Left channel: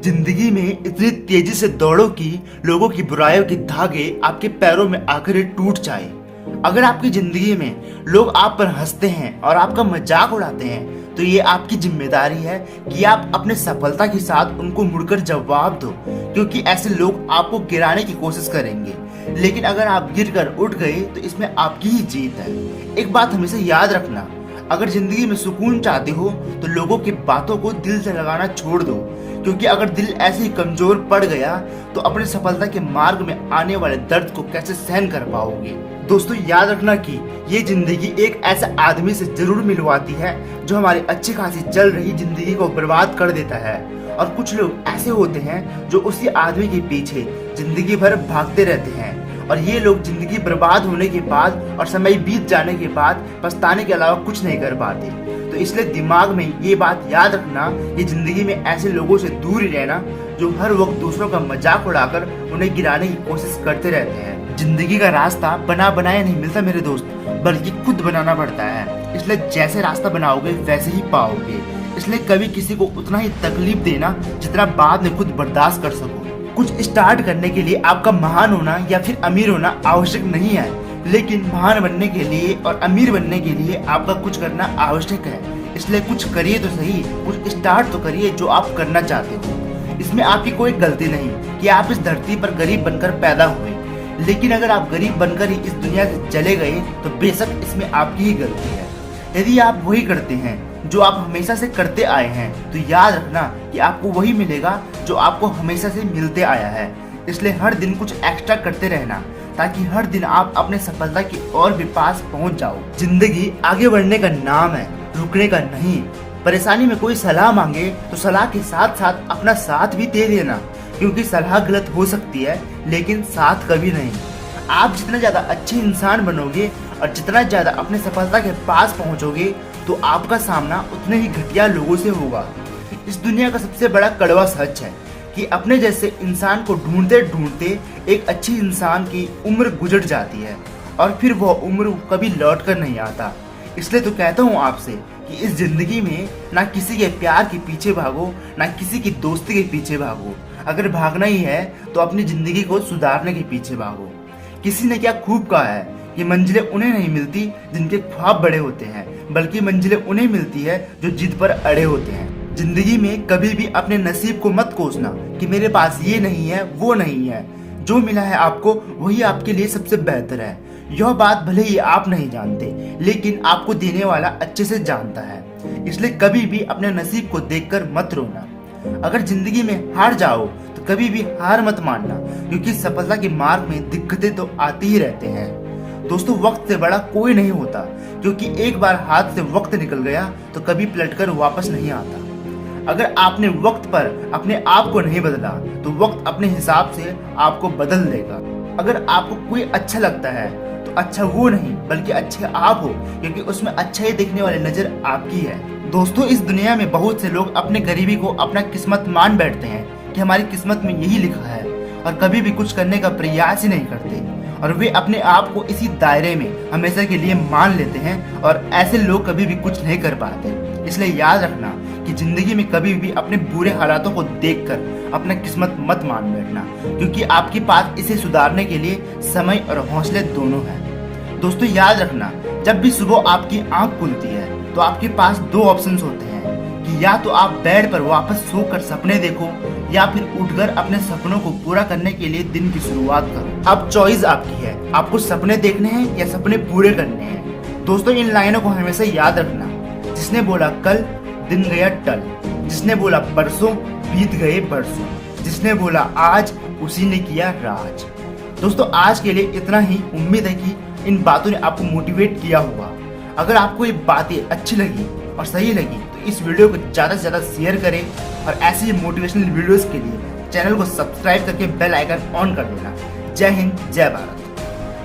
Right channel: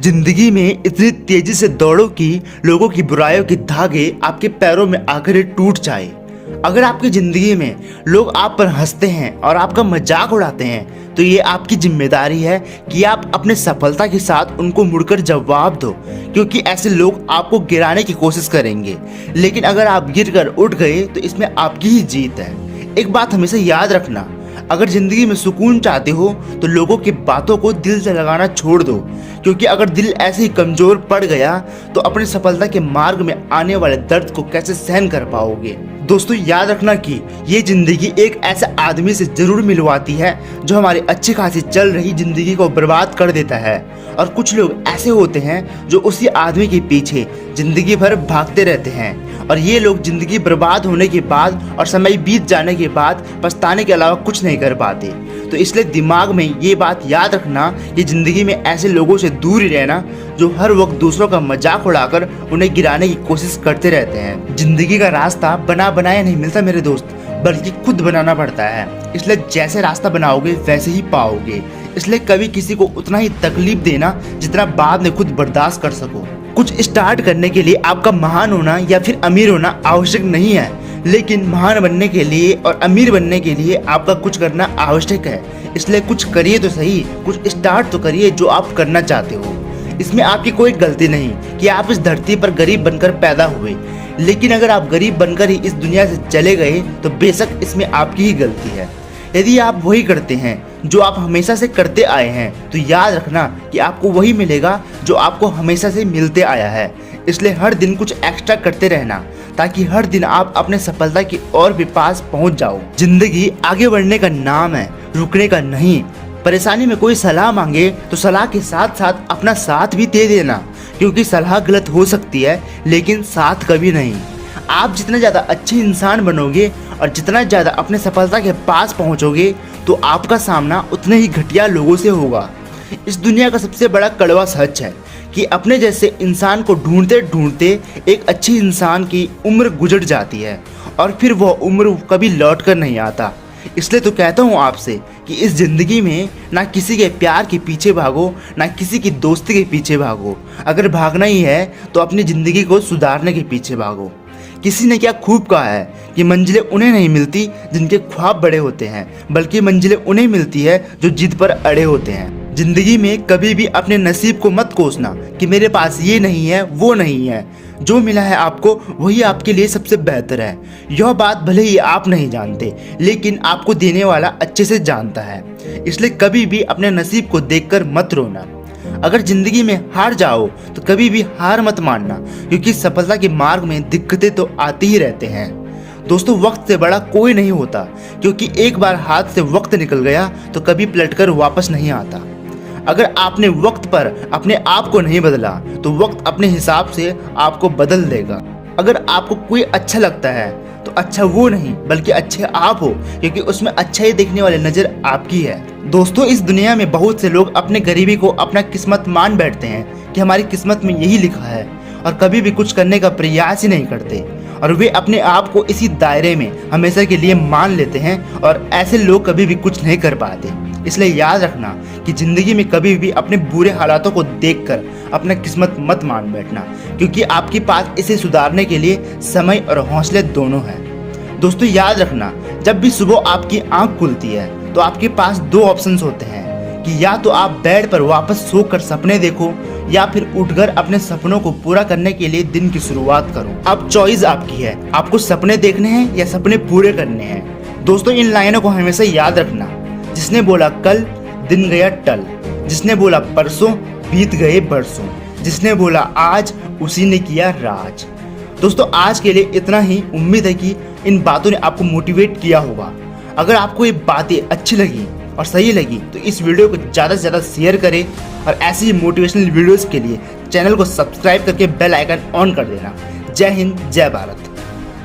जिंदगी में इतनी तेजी से दौड़ो कि लोगों की बुराइयों के धागे आपके पैरों में आकर ही टूट जाए। अगर आपकी जिंदगी में लोग आप पर हंसते हैं और आपका मजाक उड़ाते हैं तो ये आपकी जिम्मेदारी है कि आप अपने सफलता के साथ उनको मुड़कर जवाब दो, क्योंकि ऐसे लोग आपको गिराने की कोशिश करेंगे, लेकिन अगर आप गिरकर उठ गए तो इसमें आपकी ही जीत है। एक बात हमेशा याद रखना, अगर जिंदगी में सुकून चाहते हो तो लोगों की बातों को दिल से लगाना छोड़ दो, क्योंकि अगर दिल ऐसे ही कमजोर पड़ गया तो अपनी सफलता के मार्ग में आने वाले दर्द को कैसे सहन कर पाओगे। दोस्तों याद रखना कि ये जिंदगी एक ऐसे आदमी से जरूर मिलवाती है जो हमारी अच्छी खासी चल रही जिंदगी को बर्बाद कर देता है, और कुछ लोग ऐसे होते हैं जो उसी आदमी के पीछे जिंदगी भर भागते रहते हैं, और ये लोग जिंदगी बर्बाद होने के बाद और समय बीत जाने के बाद पछताने के अलावा कुछ नहीं कर पाते। तो इसलिए दिमाग में ये बात याद रखना कि जिंदगी में ऐसे लोगों से दूर ही रहना जो हर वक्त दूसरों का मजाक उड़ाकर उन्हें गिराने की कोशिश करते रहते हैं। जिंदगी का रास्ता बना बनाया नहीं मिलता मेरे दोस्त, बल्कि खुद बनाना पड़ता है। इसलिए जैसे रास्ता बनाओगे वैसे ही पाओगे। इसलिए कभी किसी को उतना ही तकलीफ देना जितना बाद में खुद बर्दाश्त कर सको। कुछ स्टार्ट करने के लिए आपका महान होना या फिर अमीर होना आवश्यक नहीं है, लेकिन महान बनने के लिए और अमीर बनने के लिए आपका कुछ करना आवश्यक है। इसलिए कुछ करिए तो सही, कुछ स्टार्ट तो करिए जो आप करना चाहते हो। इसमें आपकी कोई गलती नहीं कि आप इस धरती पर गरीब बनकर पैदा हुए, लेकिन अगर आप गरीब बनकर ही इस दुनिया से चले गए तो बेशक इसमें आपकी ही गलती है। यदि आप वही करते हैं जो आप हमेशा से करते आए हैं तो याद रखना कि आपको वही मिलेगा जो आपको हमेशा से मिलते आया है। इसलिए हर दिन कुछ एक्स्ट्रा करते रहना, ताकि हर दिन आप अपने सफलता की और भी पास पहुंच जाओ। जिंदगी आगे बढ़ने का नाम है, रुकने का नहीं। परेशानी में कोई सलाह मांगे तो सलाह के साथ साथ अपना साथ भी दे देना, क्योंकि सलाह गलत हो सकती है लेकिन साथ कभी नहीं। आप जितना ज़्यादा अच्छे इंसान बनोगे और जितना ज़्यादा अपने सफलता के पास पहुंचोगे तो आपका सामना उतने ही घटिया लोगों से होगा। इस दुनिया का सबसे बड़ा कड़वा सच है कि अपने जैसे इंसान को ढूंढते ढूंढते एक अच्छे इंसान की उम्र गुजर जाती है और फिर वह उम्र कभी लौट कर नहीं आता। इसलिए तो कहता हूँ आपसे कि इस जिंदगी में ना किसी के प्यार के पीछे भागो, ना किसी की दोस्ती के पीछे भागो। अगर भागना ही है तो अपनी ज़िंदगी को सुधारने के पीछे भागो। किसी ने क्या खूब कहा है कि मंजिलें उन्हें नहीं मिलती जिनके ख्वाब बड़े होते हैं, बल्कि मंजिलें उन्हें मिलती है जो जिद पर अड़े होते हैं। जिंदगी में कभी भी अपने नसीब को मत कोसना कि मेरे पास ये नहीं है वो नहीं है। जो मिला है आपको वही आपके लिए सबसे बेहतर है। यह बात भले ही आप नहीं जानते, लेकिन आपको देने वाला अच्छे से जानता है। इसलिए कभी भी अपने नसीब को देखकर मत रोना। अगर जिंदगी में हार जाओ तो कभी भी हार मत मानना, क्योंकि सफलता के मार्ग में दिक्कतें तो आती ही रहते हैं। दोस्तों वक्त से बड़ा कोई नहीं होता, क्योंकि एक बार हाथ से वक्त निकल गया तो कभी पलटकर वापस नहीं आता। अगर आपने वक्त पर अपने आप को नहीं बदला तो वक्त अपने हिसाब से आपको बदल देगा। अगर आपको कोई अच्छा लगता है तो अच्छा वो नहीं बल्कि अच्छे आप हो, क्योंकि उसमें अच्छाई देखने वाली नज़र आपकी है। दोस्तों इस दुनिया में बहुत से लोग अपने गरीबी को अपना किस्मत मान बैठते हैं कि हमारी किस्मत में यही लिखा है, और कभी भी कुछ करने का प्रयास ही नहीं करते, और वे अपने आप को इसी दायरे में हमेशा के लिए मान लेते हैं, और ऐसे लोग कभी भी कुछ नहीं कर पाते। इसलिए याद रखना कि जिंदगी में कभी भी अपने बुरे हालातों को देखकर अपना किस्मत मत मान बैठना, क्योंकि आपके पास इसे सुधारने के लिए समय और हौसले दोनों हैं। दोस्तों याद रखना, जब भी सुबह आपकी आंख खुलती है तो आपके पास दो ऑप्शंस होते हैं कि या तो आप बेड पर वापस सोकर सपने देखो, या फिर उठकर अपने सपनों को पूरा करने के लिए दिन की शुरुआत करो। अब चॉइस आपकी है, आपको सपने देखने हैं या सपने पूरे करने हैं। दोस्तों इन लाइनों को हमेशा याद रखना, जिसने बोला कल दिन गया टल, जिसने बोला परसों बीत गए बरसों, जिसने बोला आज उसी ने किया राज। दोस्तों आज के लिए इतना ही। उम्मीद है कि इन बातों ने आपको मोटिवेट किया होगा। अगर आपको ये बातें अच्छी लगी और सही लगी तो इस वीडियो को ज़्यादा से ज़्यादा शेयर करें, और ऐसी मोटिवेशनल वीडियोज़ के लिए चैनल को सब्सक्राइब करके बेल आइकन ऑन कर देना। जय हिंद, जय भारत।